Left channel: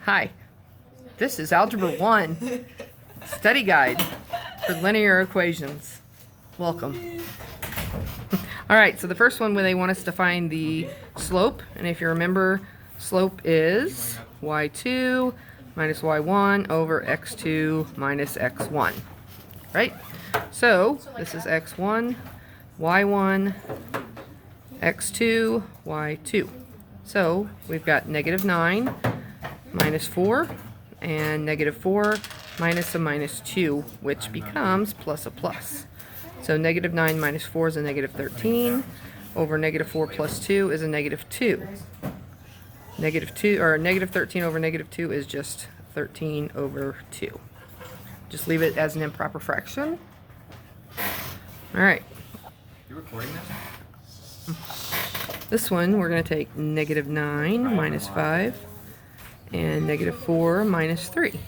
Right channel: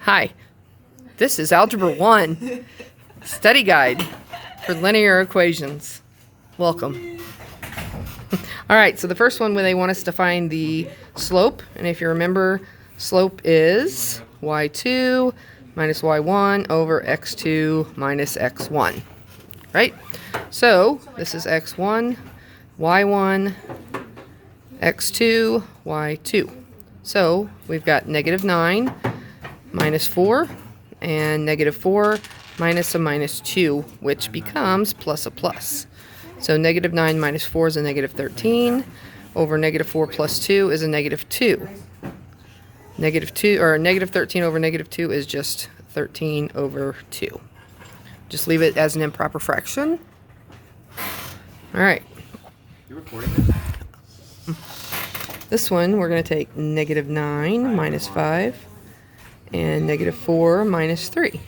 Hi, this is Algebra 1 study guide for linear equations. Welcome. All right, so the first one, they want us to find the slope, and if you remember, slope is y2 minus y1 over x2 minus x1, right? So this is x1, y1, x2, y2. So we've got -9 minus 4 and -4 minus a minus 2, which becomes plus a plus. So -9 minus 4 is a -13 over -4 plus 2 is a -2. -2 or -13 over -2 is just 13 over 2. Just leave it as an improper fraction. All right. You recording this? This one we're going to take -9 minus 5 and -4 minus 3.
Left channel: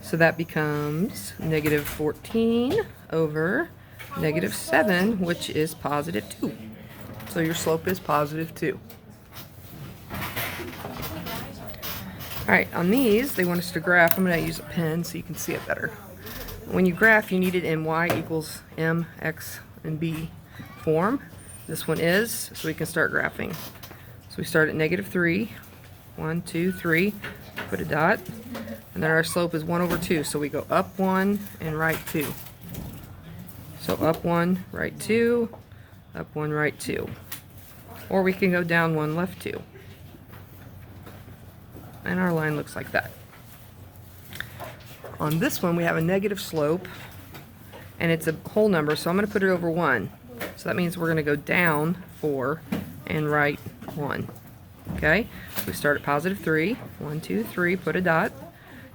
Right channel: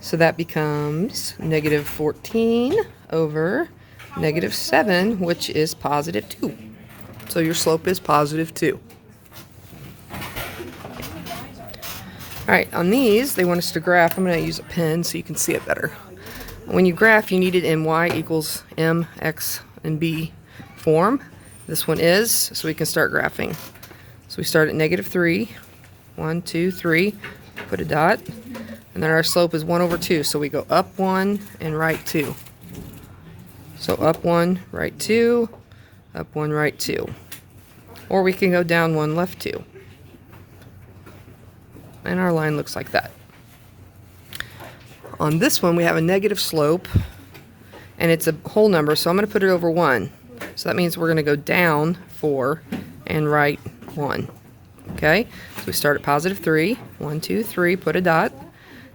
So that becomes -14 over -7, which is positive 2. So your slope is positive 2. Alright, on these, they want us to graph. I'm going to use a pen so you can see it better. When you graph, you need it in y equals m, x, and b form. This one is, so we can start graphing. So we start at -3. 1, 2, 3, put a dot, and then our slope is 1 over 2, so we go up 1 and right 2. So up 1, right 2, up 1, right 2. Or we can go down 1, left 2. And our line looks like that. On this one, we have a negative slope, and it's a whole number, so I'm going to put it over 1. So that means we're going to go down 4 and right 1. Okay, so we start at +3, 1, 2, 3, put a dot,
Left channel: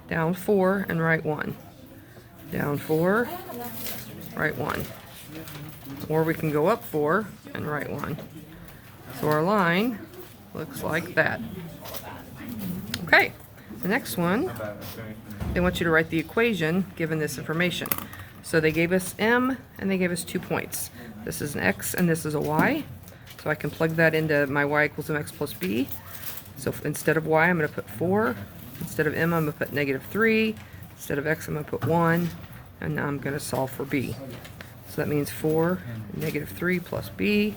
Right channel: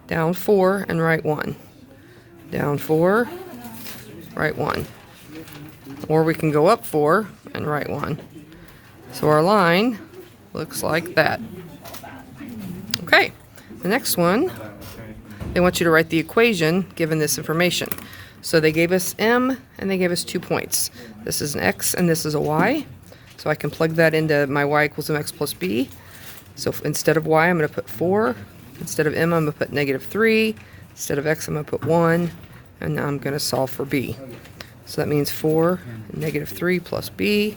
down 4 and right 1, down 4, right 1, or we can go up 4 and right 1. So our line looks like that. Okay, the next one, they want you to write the equation given this information. So they gave us m and they gave us 2 points. This is an x and this is a y. So I can plug that into my y equals mx plus b. So instead of y, I'm going to put 4. Instead of m, I'm going to put -3. Instead of x, I'm going to put 1. And now I'm going to solve for b. So that means 4, -3 plus b.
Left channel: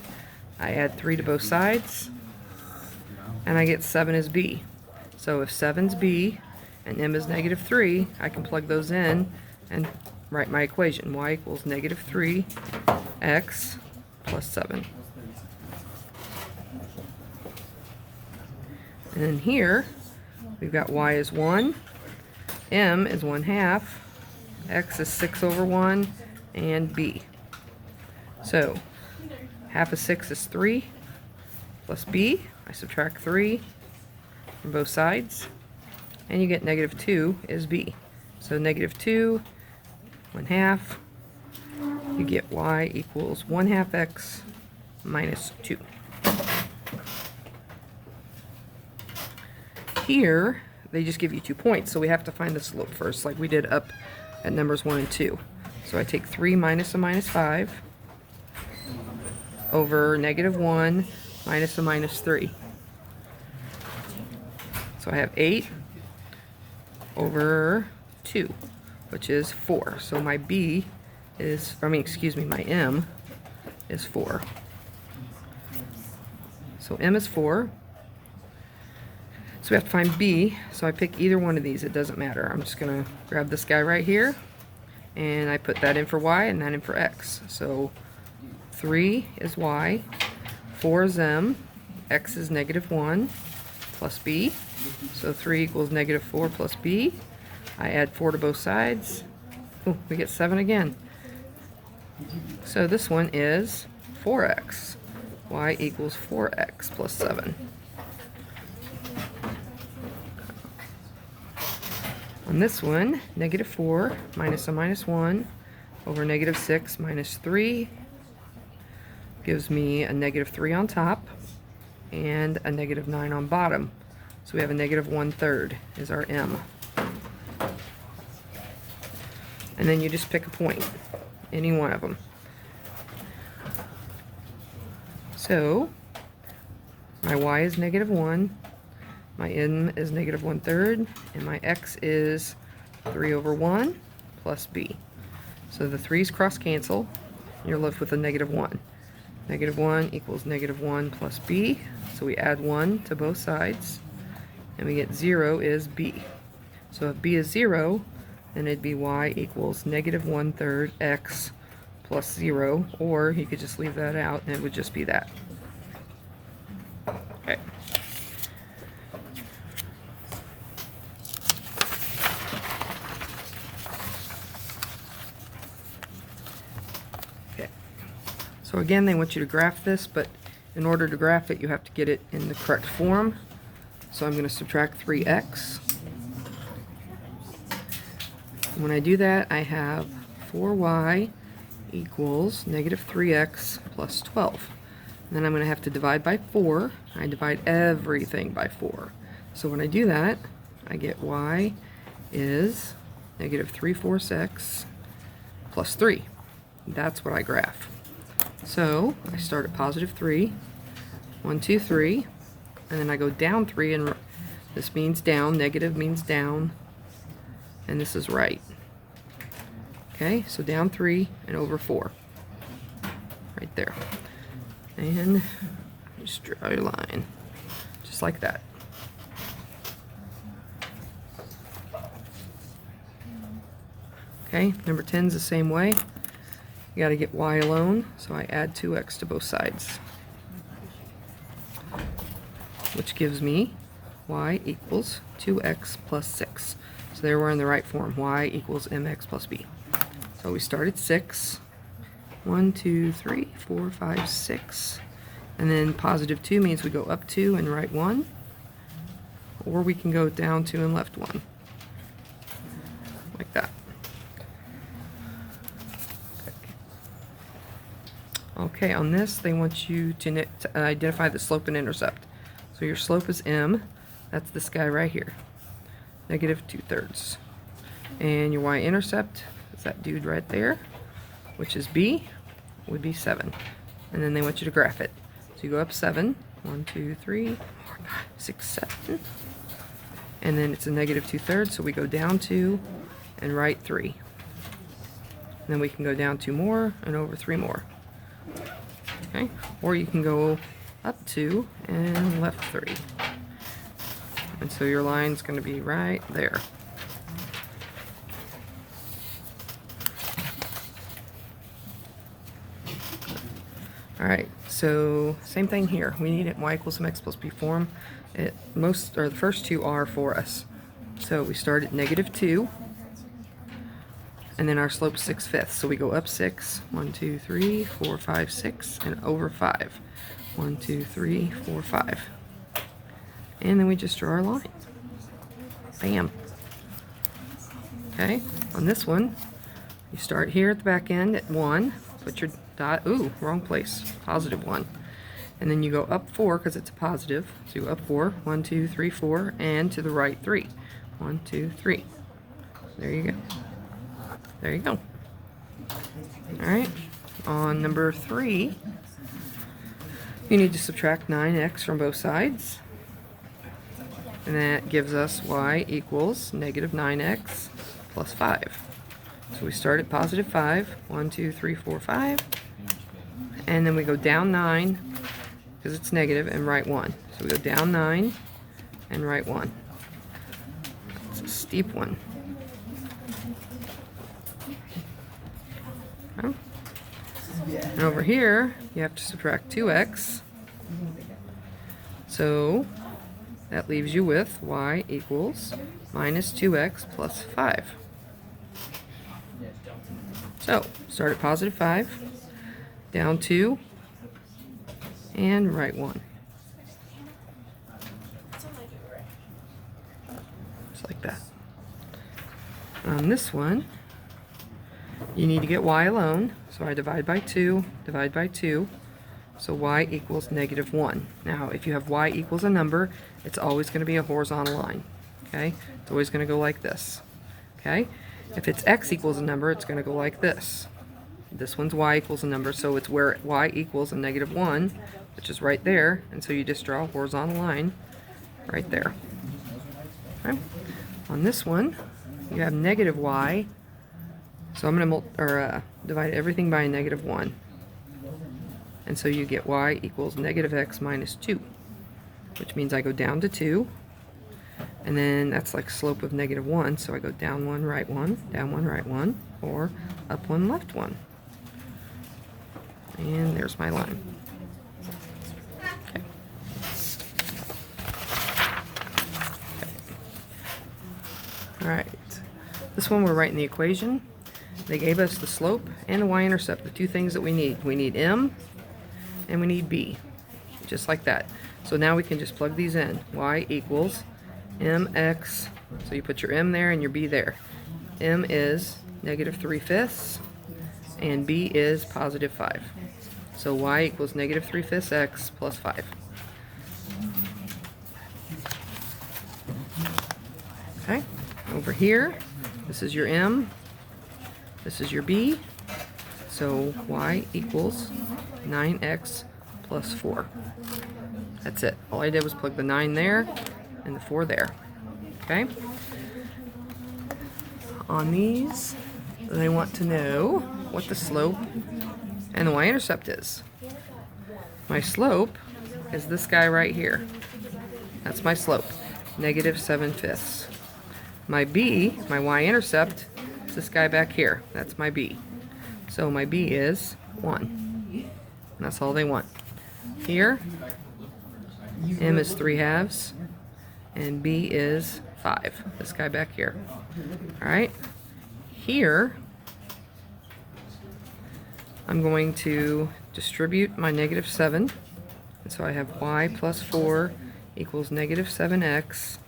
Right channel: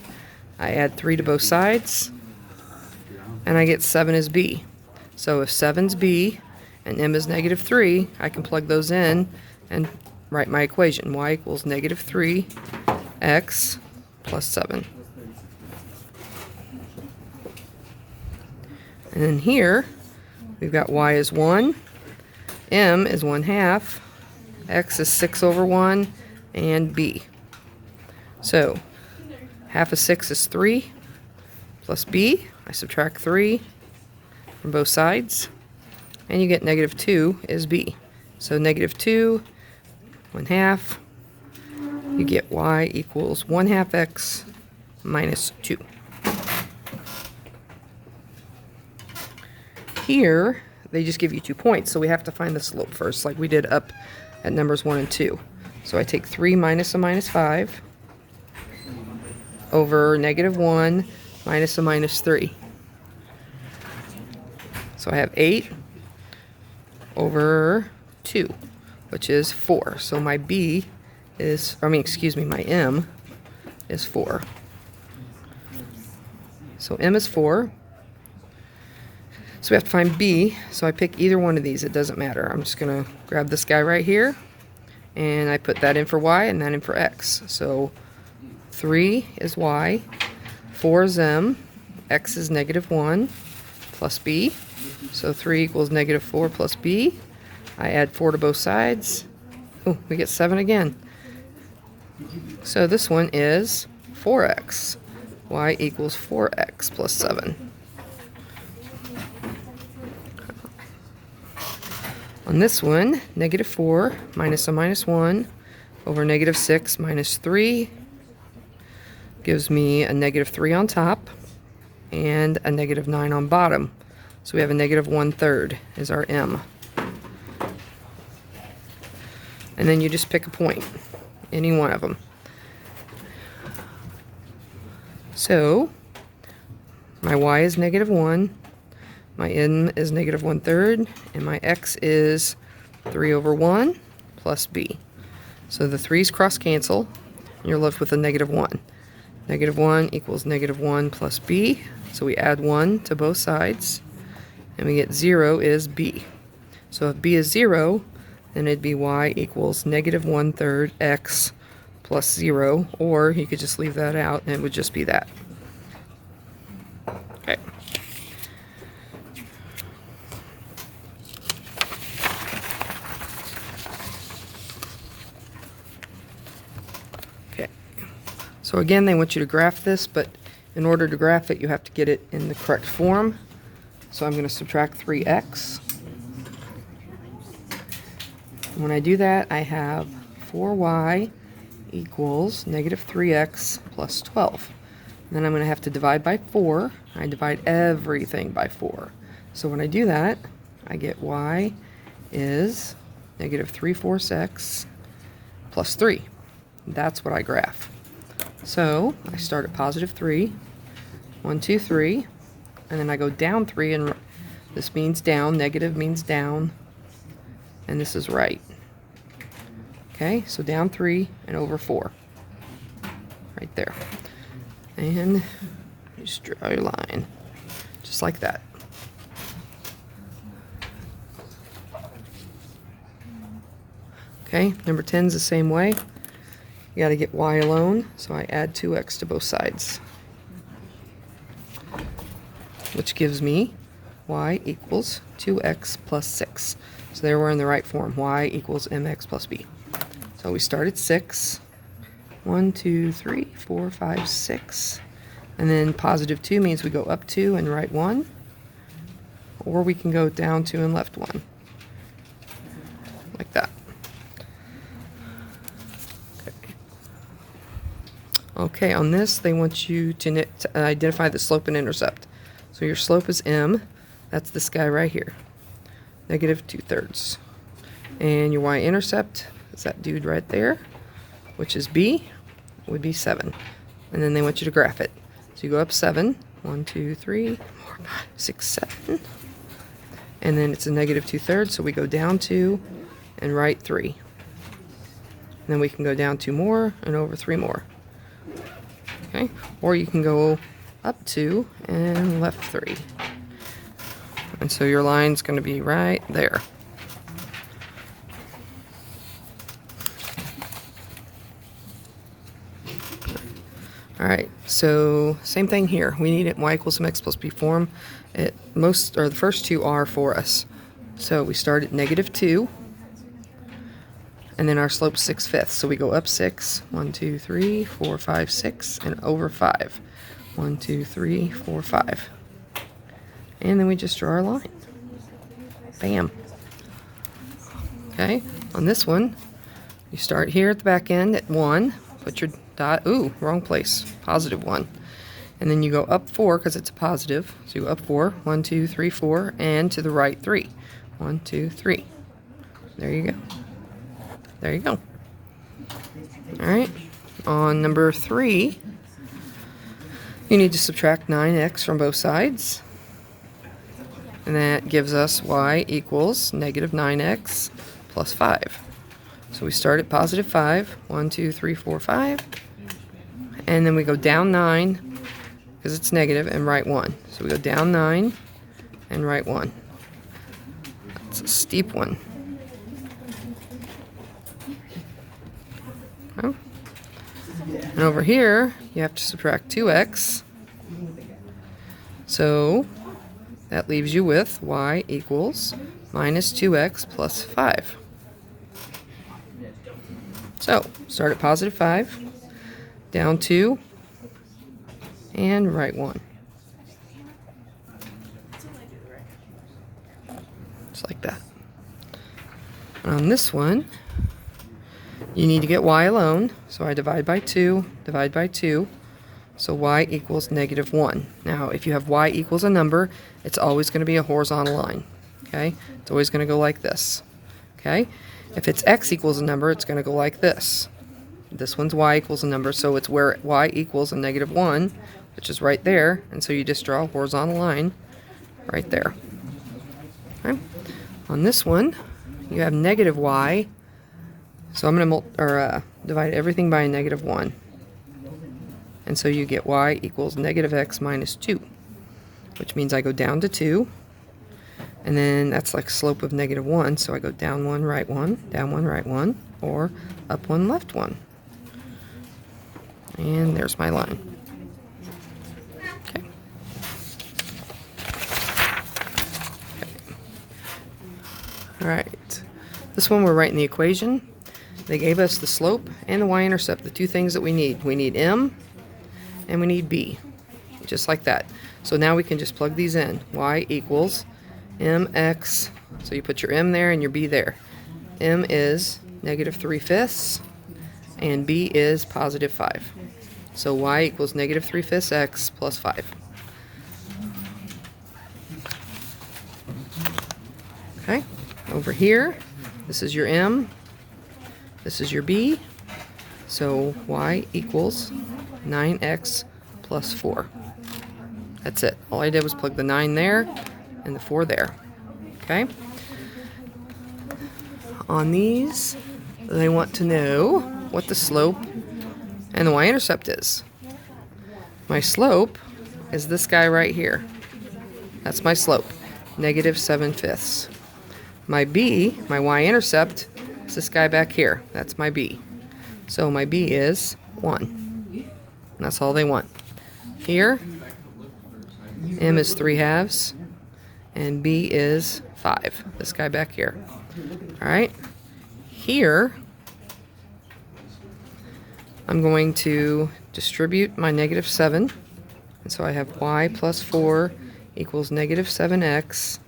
I add 3 to both sides. And I get 7 is b. So if 7's b and m is -3, I can plug those in and write my equation. Y equals -3x plus 7. And then here, we've got y is 1, m is 1/2, x is 6 over 1, and b. So, half of 6 is 3, plus b, I subtract 3 from both sides, and you get -2 is b. So -2, 1/2, you get y equals 1/2 x minus 2. Here, they just give you 2 points, so we have to find the slope first, like we did up at numbers 1 and 2. So I take 3 minus a minus 5 over -1 minus a minus 3. So I have 8 over 2, which is 4. So my b is, my m is 4. So m is 4. So we have to find b, so I pick either one of these, it doesn't matter. I'm just going to grab this guy right here, and I put that in for y and that in for x. So 3 is y, 4 is m, x is -1 plus b. So 3 equals -4 plus b. I add 4 to both sides. Oh, we get 7 again. So this one is 4x. Y equals 4x plus 7. On this one, -4 minus a minus 1 over -6 minus 3 gives me a -3 on top and a -9 on bottom. So we have a -1/3 is our m. And then you just pick a point, any one of them. So my y is -1, My m is negative 1/3, and my x is 3 over 1 plus b. So the 3's cross cancel, and you're left with a negative 1. Negative 1 equals negative 1 plus b, so we add 1 to both sides, and we get 0 is b. So if b is 0, then it'd be y equals negative 1/3 x plus 0, or you could just leave that out and it would just be that. Okay. Okay. So again, they want you to graph this, but in order to graph it, you have to get it in the correct form. So I'm going to subtract 3x. When I do that, I have 4y equals negative 3x plus 12. And then I'm going to have to divide by 4. I divide everything by 4. So when I do that, I get y is negative 3/4 x plus 3. That's what I graph. So I start at positive 3, 1, 2, 3, and then I go down 3, and this means down, negative means down, and this is right. Okay, so down 3 and over 4. Right there. And you just draw your line. Just like that. Okay, number 10 is the same way. You got to get y alone, so I add 2x to both sides. Which gives me y equals 2x plus 6. So there we're in the right form. Y equals mx plus b. So we start at 6. 1, 2, 3, 4, 5, 6. And then positive 2 means we go up 2 and right 1. Or we can go down 2 and left 1. Like that. Okay, on this they want you to identify the slope and intercept. So your slope is m. That's this guy right here. Negative 2/3. And your y-intercept is that dude right there, which is b, would be 7. And then they want you to graph it. So you go up 7. 1, 2, 3, 4, 5, 6, 7. And then it's a negative 2/3, so we go down 2 and right 3. And then we can go down 2 more and over 3 more. Okay, or you can go up 2 and left 3. And so your line's going to be right there. All right, so same thing here. We need it in y equals mx plus b form. The first two are for us. So we start at negative 2, and then our slope's 6/5. So we go up 6, 1, 2, 3, 4, 5, 6, and over 5. 1, 2, 3, 4, 5. And then we just draw our line. Bam. Okay, on this one, you start here at the back end at 1, put your dot, ooh, wrong place, positive 1. And then you go up 4 because it's a positive. So you go up 4, 1, 2, 3, 4, and to the right 3. 1, 2, 3. There you go. There you go. All right, on number 3, you need to subtract 9x from both sides. And that gives us y equals negative 9x plus 5. So we start at positive 5. 1, 2, 3, 4, 5. And then we go down 9 because it's negative and right 1. So we go down 9 and right 1. It's a steep one. Okay. And over here, you have to subtract 2x. So that leaves you with y equals minus 2x plus 5. So start at positive 5, down 2, and right 1. Just like that. On this one, you need to get y alone. So I divide by 2, divide by 2. So y equals negative 1. Now, if you have y equals a number, it's always going to be a horizontal line. Okay? It's always going to go like this. Okay? If it's x equals a number, it's going to go like this. This one's y equals a number, so it's where y equals a negative 1, which is right there. And so you just draw a horizontal line right there. Okay. On this one, you have negative y, so I'm going to divide everything by a negative 1. And so you get y equals negative x minus 2, which means I go down to 2. And then that's like slope of negative 1, so I go down 1, right 1, down 1, right 1, or up 1, left 1. And there's my line. Okay. All right. This one we're writing the equation. They gave us the slope and the y-intercept, the two things that we need. We need m and we need b, just like that. So now we can just plug these in. Y equals mx, so you put your m there and your b there. M is negative 3/5 and b is positive 5. So y equals negative 3/5 x plus 5. Okay, over here, this is your m, this is your b, so y equals 9x plus 4. That's it. All I did was plug the 9 there and the 4 there. Okay? On these, they want to know what the slope and the y-intercept is. My slope is this guy right here. That's my slope, negative 7/5. My b, my y-intercept, is this guy back here. That's my b. So my b is 1. And that's all they want. Here, m is 3/2, and b is 5. This guy back here. All right. Here, I'm going to distribute my negative 7. And so I have y plus 4 equals negative 7x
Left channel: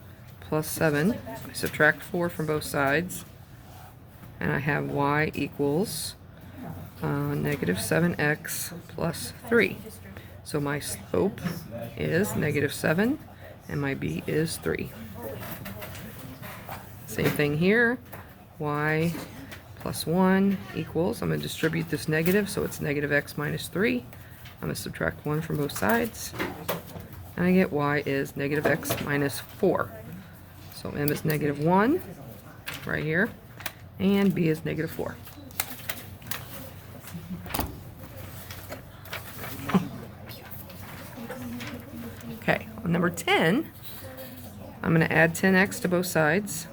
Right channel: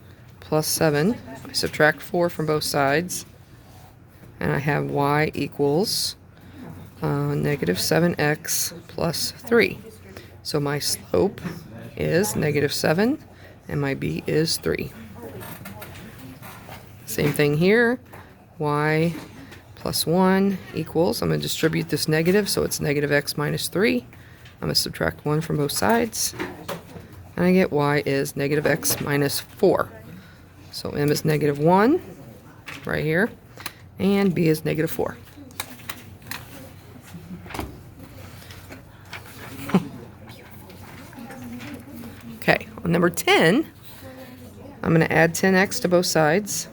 plus 7. I subtract 4 from both sides. And I have y equals negative 7x plus 3. So my slope is negative 7 and my b is 3. Same thing here. Y plus 1 equals, I'm going to distribute this negative, so it's negative x minus 3. I'm going to subtract 1 from both sides. And I get y is negative x minus 4. So m is negative 1 right here. And b is negative 4. Okay, on number 10, I'm going to add 10x to both sides.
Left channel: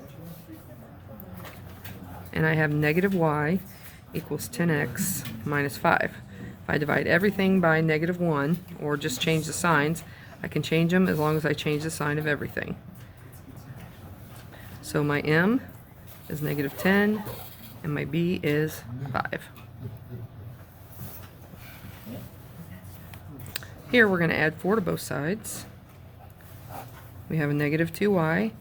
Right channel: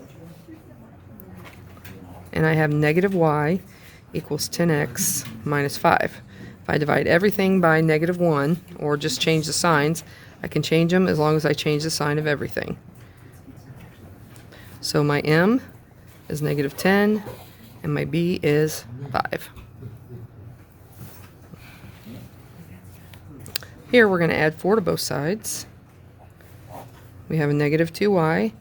And I have negative y equals 10x minus 5. If I divide everything by negative 1, or just change the signs, I can change them as long as I change the sign of everything. So my m is negative 10, and my b is 5. Here we're going to add 4 to both sides. We have a negative 2y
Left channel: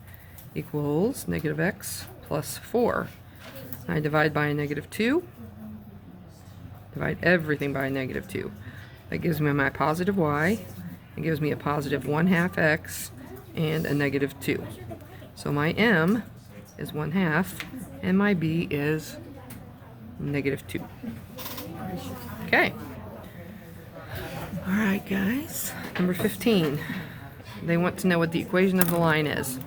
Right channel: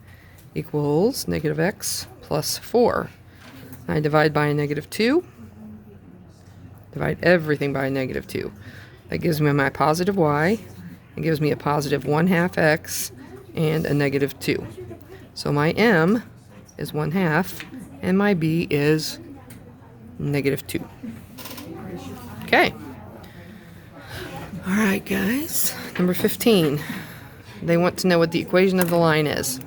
equals negative x plus 4. I divide by a negative 2. Divide everything by a negative 2. That gives me my positive y. It gives me a positive 1/2 x and a negative 2. So my m is 1/2 and my b is negative 2. Okay. All right, guys. Number 15. They want to know what the equation of the line is.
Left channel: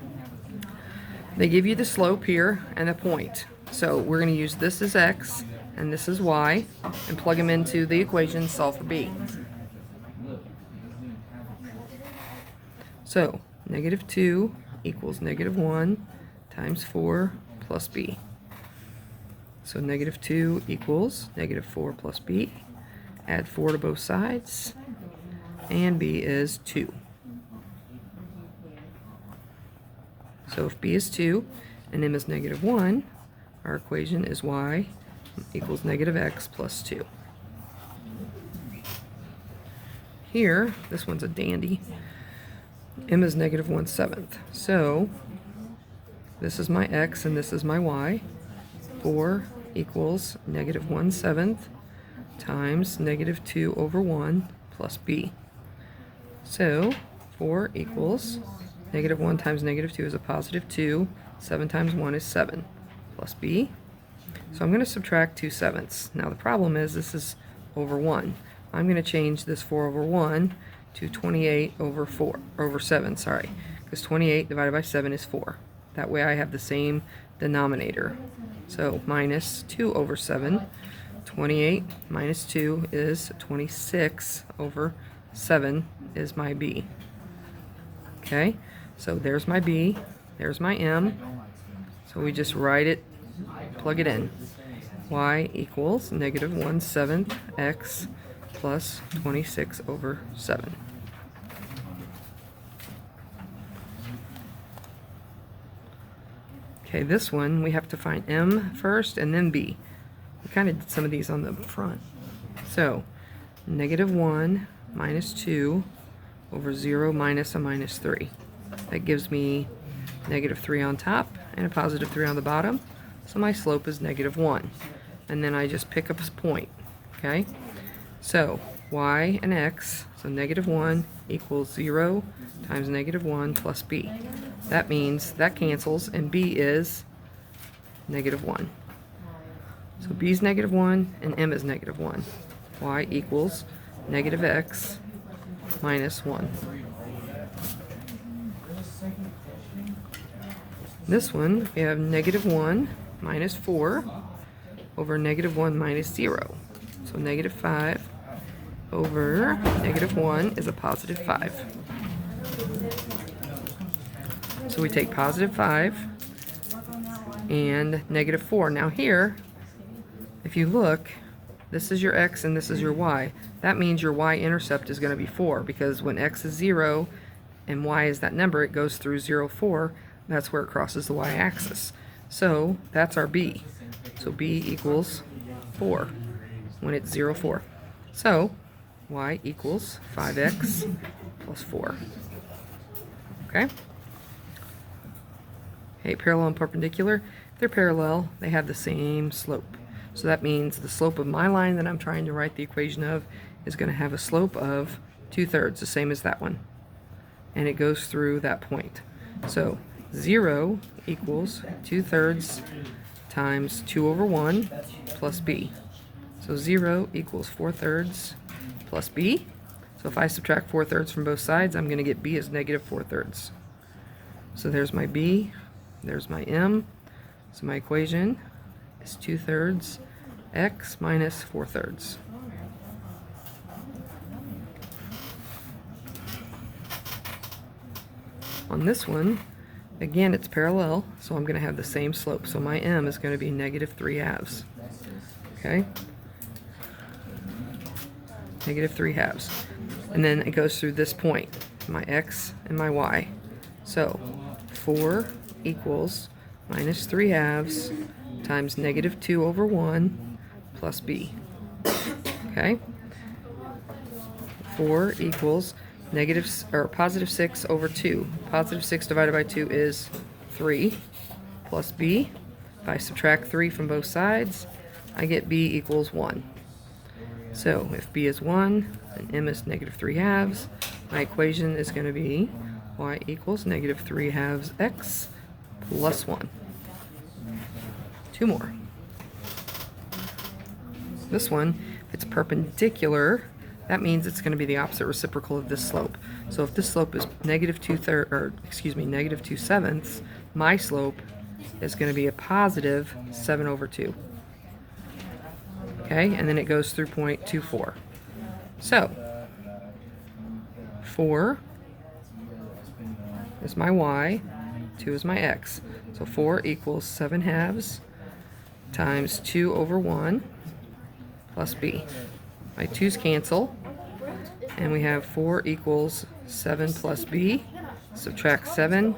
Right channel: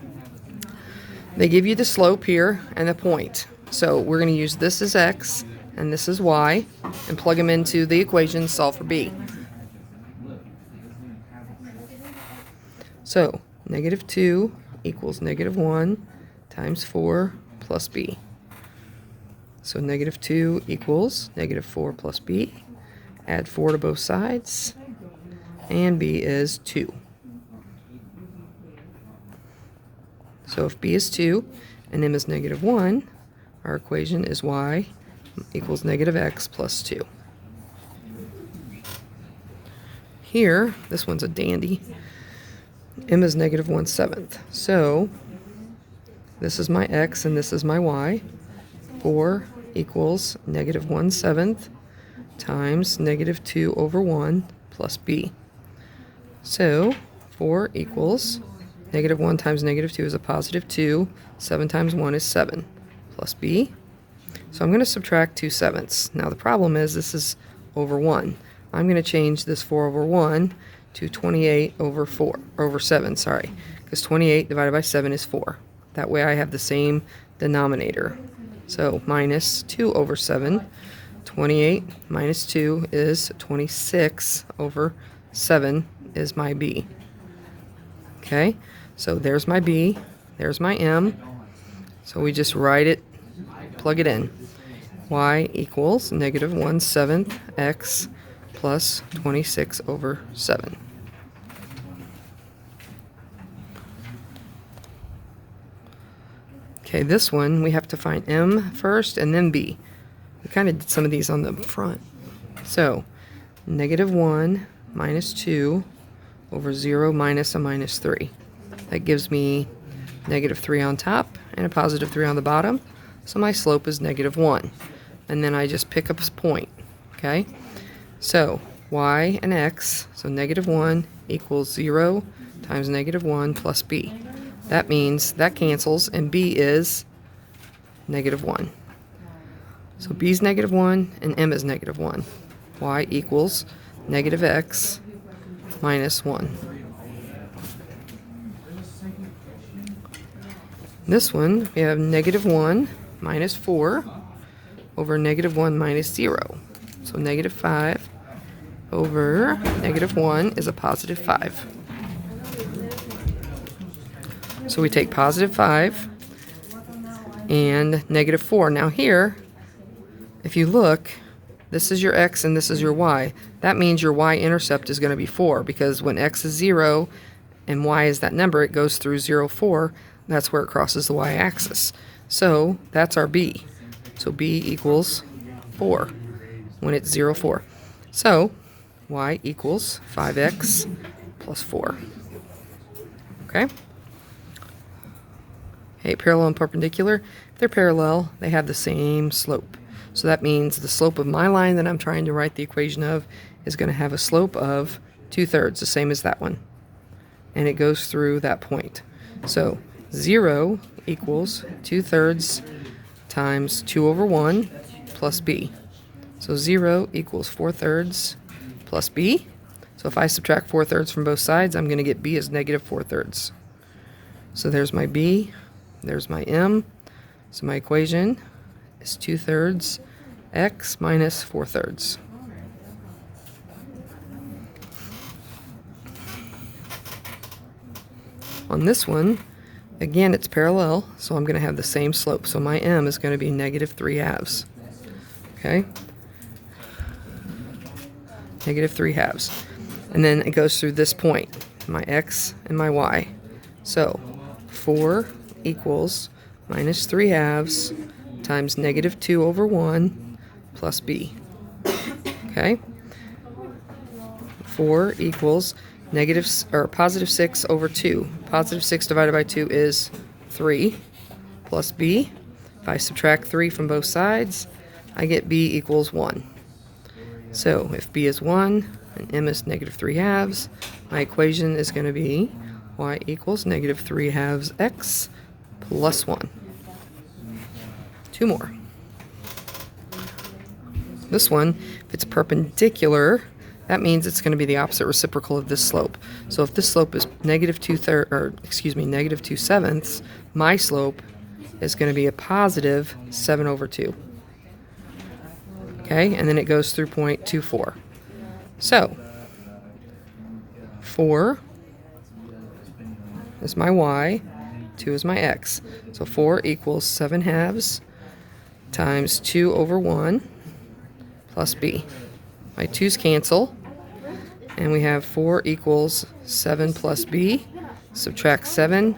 They give you the slope here and the point. So we're going to use this as x and this is y and plug them into the equation, solve for b. So negative 2 equals negative 1 times 4 plus b. So negative 2 equals negative 4 plus b. Add 4 to both sides, and b is 2. So if b is 2 and m is negative 1, our equation is y equals negative x plus 2. Here, this one's a dandy. M is negative 1/7. So this is my x and this is my y. 4 equals negative 1/7 times negative 2 over 1 plus b. So 4 equals negative 1 times negative 2 is a positive 2. 7 times 1 is 7 plus b. So I'm going to subtract 2/7. Now the problem is this is over 1. I'm going to change this 4 over 1 to 28 over 7, sorry, because 28 divided by 7 is 4. That way I have the same denominator. So minus 2 over 7. 28 minus 2 is 26 over 7 is my b. Okay, so there's my b, there's my m. So we just write it, plug it in. Y equals negative 1/7 x plus 26 over 7. Okay, this one we have to find m first and then b. We kind of did some of these on the front. So negative 1 minus 2 over 0 minus a minus 3. That gives me negative 3 on top and a positive 3 on the bottom. So my slope is negative 1. And then I just pick up a point. Okay? So y and x, so negative 1 equals 0 times negative 1 plus b. That means that cancels, and b is negative 1. So b is negative 1 and m is negative 1. Y equals negative x minus 1. This one, we have negative 1 minus 4 over negative 1 minus 0. So negative 5 over negative 1 is a positive 5. So we take positive 5 and negative 4. Now here, if you look, this is your x and this is your y. That means your y-intercept is going to be 4, because when x is 0 and y is that number, it goes through 0, 4. That's where it crosses the y-axis. So that's our b. So b equals 4 when it's 0, 4. So y equals 5x plus 4. Okay? Okay, parallel and perpendicular. If they're parallel, they have the same slope. So that means the slope of my line that I'm trying to write the equation of is going to have a slope of 2/3, the same as that one. And it goes through that point. So 0 equals 2/3 times 2 over 1 plus b. So 0 equals 4/3 plus b. So if I subtract 4/3 from both sides, I'm going to get b as negative 4/3. So there's my b, there's my m. So my equation is 2/3 x minus 4/3. On this one, again, it's parallel, so I'm going to have the same slope. So my m is going to be negative 3/2. Okay? Negative 3/2. And then it goes through this point, my x and my y. So 4 equals minus 3/2 times negative 2 over 1 plus b. Okay? 4 equals positive 6 over 2. Positive 6 divided by 2 is 3 plus b. If I subtract 3 from both sides, I get b equals 1. So if b is 1 and m is negative 3/2, my equation is going to be y equals negative 3/2 x plus 1. 2 more. This one, if it's perpendicular, that means it's going to be the opposite reciprocal of this slope. So if this slope is negative 2/7, my slope is going to be a positive 7 over 2. Okay, and then it goes through point 2, 4. So 4 is my y, 2 is my x. So 4 equals 7/2 times 2 over 1 plus b. My 2's cancel, and we have 4 equals 7 plus b. Subtract 7,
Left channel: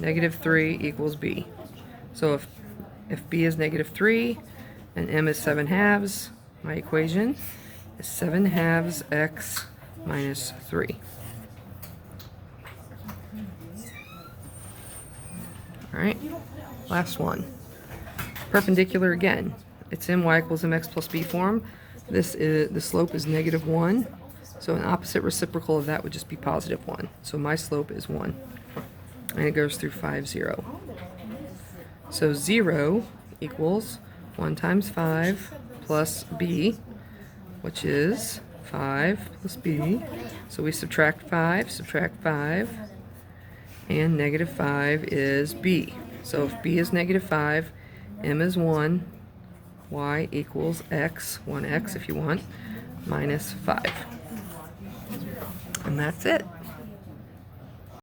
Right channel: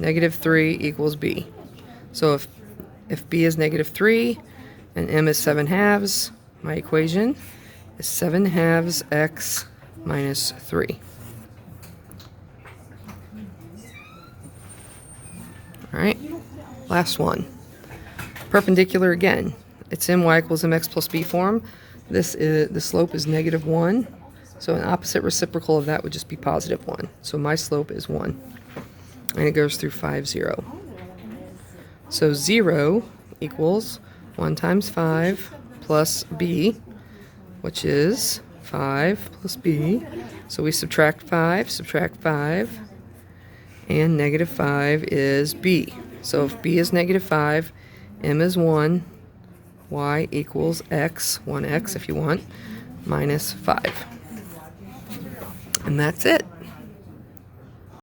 negative 3 equals b. So if b is negative 3 and m is 7/2, my equation is 7/2 x minus 3. All right, last one. Perpendicular again. It's in y equals mx plus b form. The slope is negative 1. So an opposite reciprocal of that would just be positive 1. So my slope is 1. And it goes through 5, 0. So 0 equals 1 times 5 plus b, which is 5 plus b. So we subtract 5, and negative 5 is b. So if b is negative 5, m is 1, y equals x, 1x if you want, minus 5. And that's it.